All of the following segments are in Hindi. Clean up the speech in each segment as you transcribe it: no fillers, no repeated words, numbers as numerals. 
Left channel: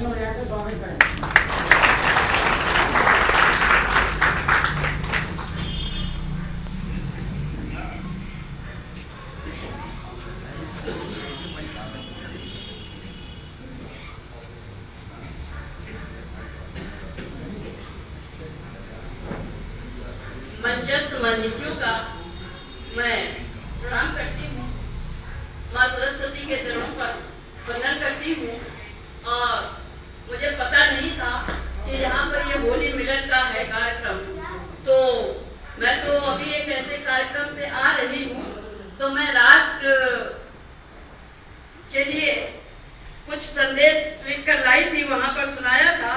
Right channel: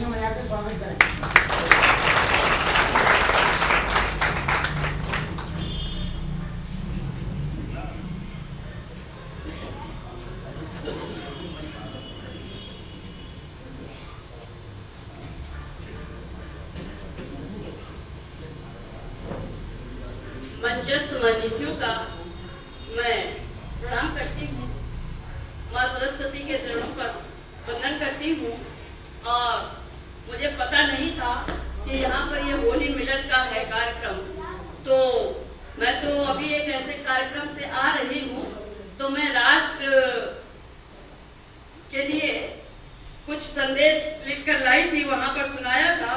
तालियों में आकर स्वागत करें। मंचस्थ मनीषियों का मैं प्रणाम करती हूँ, माँ सरस्वती के चरणों पर वंदन करती हूँ। और मुझे पता नहीं था कि यहाँ पर ये होली मिलन का है कार्यक्रम, तो मैं तो अभी एक ऐसे कार्यक्रम से आ रही हूँ, तो मैं राष्ट्र के लिए कुछ संदेश लिखकर लाई थी, वहाँ पर सुनाया था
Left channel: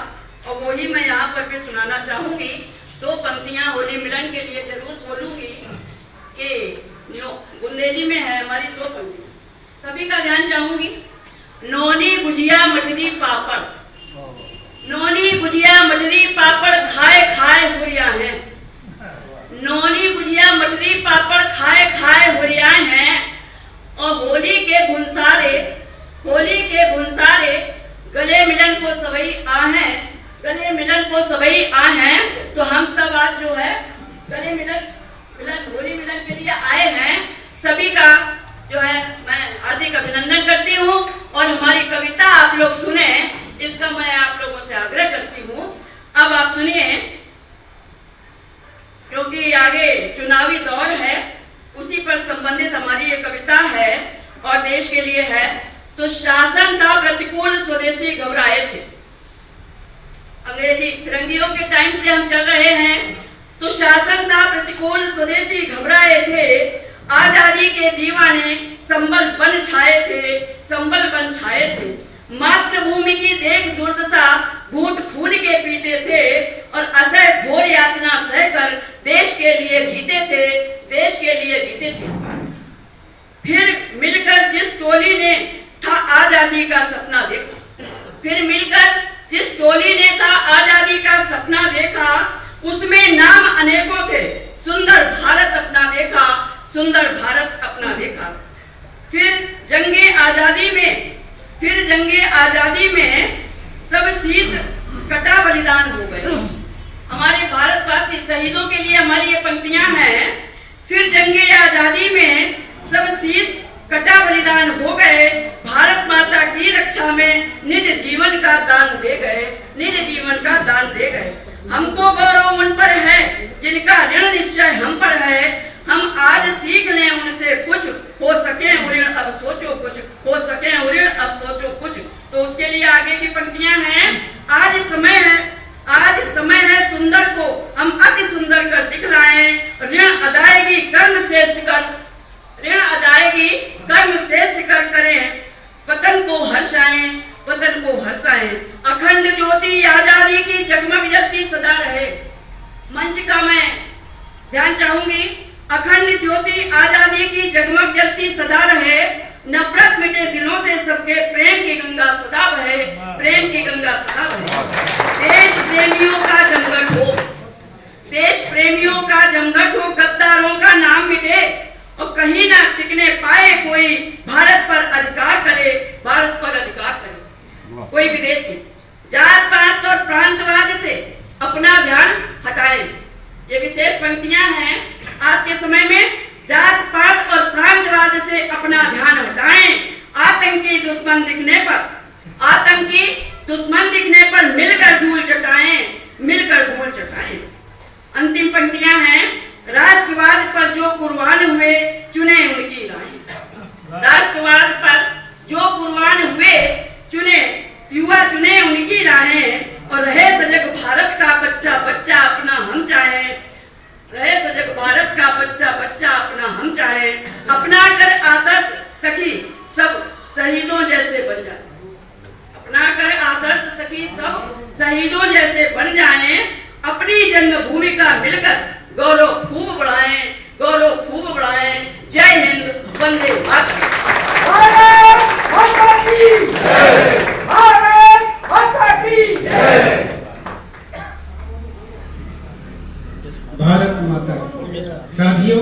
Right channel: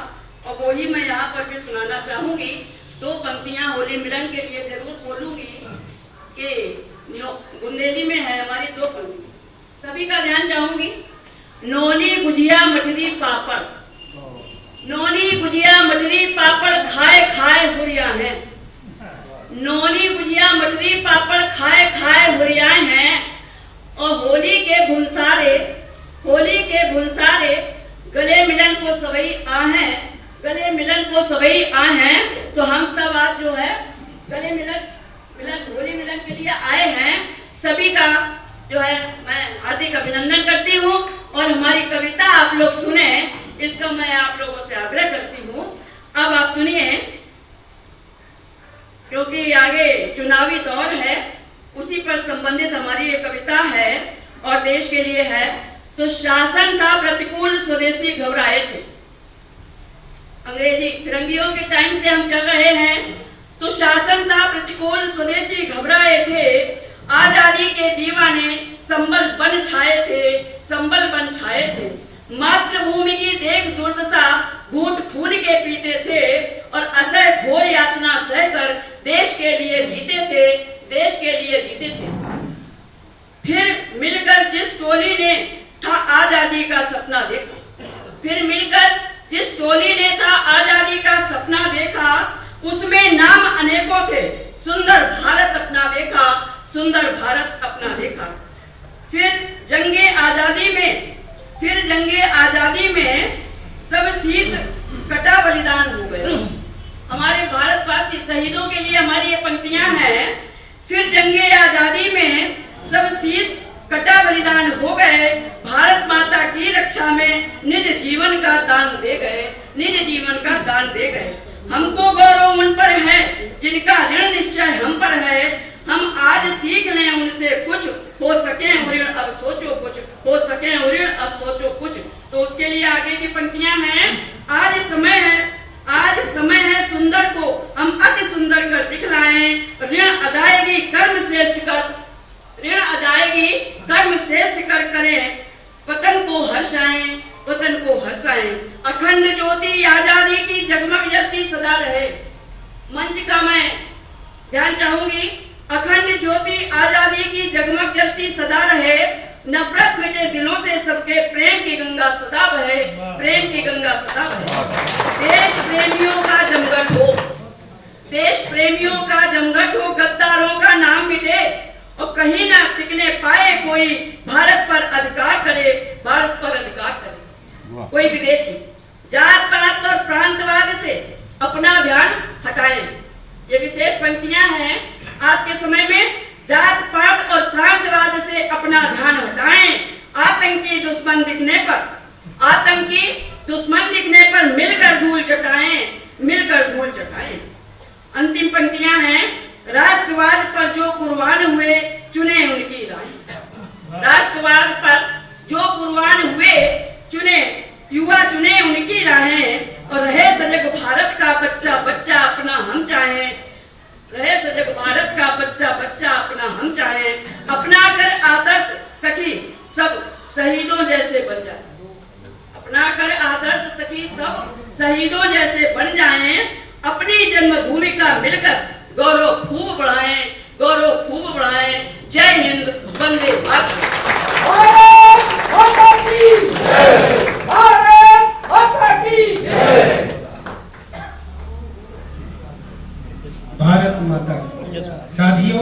और वही मैं यहाँ पर भी सुनाना चाहूँगी। दो पंक्तियां होली मिलन के लिए जरूर बोलूंगी कि बुंदेली में है हमारी दो पंक्तियां, सभी का ध्यान चाहूंगी। नोनी गुजिया मठरी पापड़, नोनी गुजिया मठरी पापड़ खाए खाए हुरिया हैं, नोनी गुजिया मठरी पापड़ खाए खाए हुरिया हैं। और होली के भुनसारे, होली के भुनसारे गले मिलन को सभी आहें, गले मिलन को सभी आहें। तो हम सब आज जो है गले मिलन होली मिलन के लिए आए हैं। सभी का जो है मैं हार्दिक अभिनंदन करती हूँ और हमारी कविता आप लोग सुने, इसका मैं आप लोगों से आग्रह करती हूँ। अब आप सुनिए, क्योंकि आगे चुनावी दौर है, उसी पर संबंधित हमारी ये कविता है और देश के लिए है। तो शासन था प्रतिकूल, स्वदेशी घबराए थे। अंग्रेजी फिरंगियों के टाइम से हम चल रहे हैं। तो शासन था प्रतिकूल, स्वदेशी घबराए थे, आजादी के दीवाने संबल बन छाए थे, संबल बन छाए थे। मातृभूमि की देख दुर्दशा घूंट खून के पीते थे और असह घोर यातना सहकर देश के लिए जीते थे, देश के लिए जीते थे। फिर मिलकर जिस टोली ने था आजादी का सपना देखा, फिर मिलकर जिस टोली ने था आजादी का सपना देखा, उसमें नाम अनेकों थे, सुंदर भारत अपना देखा, सुंदर भारत अपना देखा। फिर जंगे आजादी में, फिर जंगे आजादी में सब शीश कटा बलिदान हो गए। हमारे भारतवासी शहीदों के लिए हमारी ये पंक्तियां हैं। फिर जंगे आजादी में सब शीश कटा बलिदान हो गए, भारत माता की रक्षा में निज जीवन का दान दे गए, निज जीवन का दान दे गए। हमको गौरव उन पर है जिनका ऋण निश्चय हम पर है, हम आज सीख लें उनसे कुछ, हो सके ऋण अब सोचो कुछ, हो सके ऋण अब सोचो कुछ। तो उसके लिए आगे की पंक्तियां हैं। आज समय है, आज समय है सुंदर को हम अति सुंदर कर दिखलाएं, ऋण अदायगी कर्म श्रेष्ठ कर, ऋण अदायगी कर्म श्रेष्ठ कर करें, वतन को हर्षाएं, वतन को हर्षाएं। अखंड ज्योति आजादी की जगमग जलती सदा रहे। मंच का मैं ध्यान चाहूंगी। अखंड ज्योति आजादी की जगमग जलती सदा रहे, नफरत मिटे दिलों से सबके, प्रेम की गंगा सदा बहे, प्रेम की गंगा सदा बहे। देश प्रेमियों का जमघट हो, देश प्रेमियों का जमघट हो, गद्दारों का नाम मिटे और कहीं ना टिकने पाए कोई, भारत पर अधिकार करे, भारत पर अधिकार करे कोई विदेशी। जात पात और प्रांतवाद से अपना ध्यान हटाएं। ये विशेष पंक्तियां हैं। आपके समय में जात पात और प्रांतवाद से अपना ध्यान हटाएं। आतंकी दुश्मन दिखने पर, आतंकी दुश्मन दिखने पर मिलकर धूल चटाएं, मिलकर धूल चटाएं। अंतिम पंक्तियां हैं। राष्ट्रवाद पर जो कुर्बान हुए चुने उनकी राहें, राष्ट्रवाद पर जो कुर्बान हुए चुने, युवा चुने उनकी राहें। और रहे सजग भारत का बच्चा बच्चा अपना हम चाहें, रहे सजग भारत का बच्चा बच्चा अपना हम चाहें। अपना कर आदर्श सखी सब शहीदों जैसे बन जाए, अपना कर आदर्श सखी सब शहीदों जैसे बन जाएं। अपनी जन्मभूमि का मिलकर गौरव खूब बढ़ाएं, गौरव खूब बढ़ाएं। जय हिंद।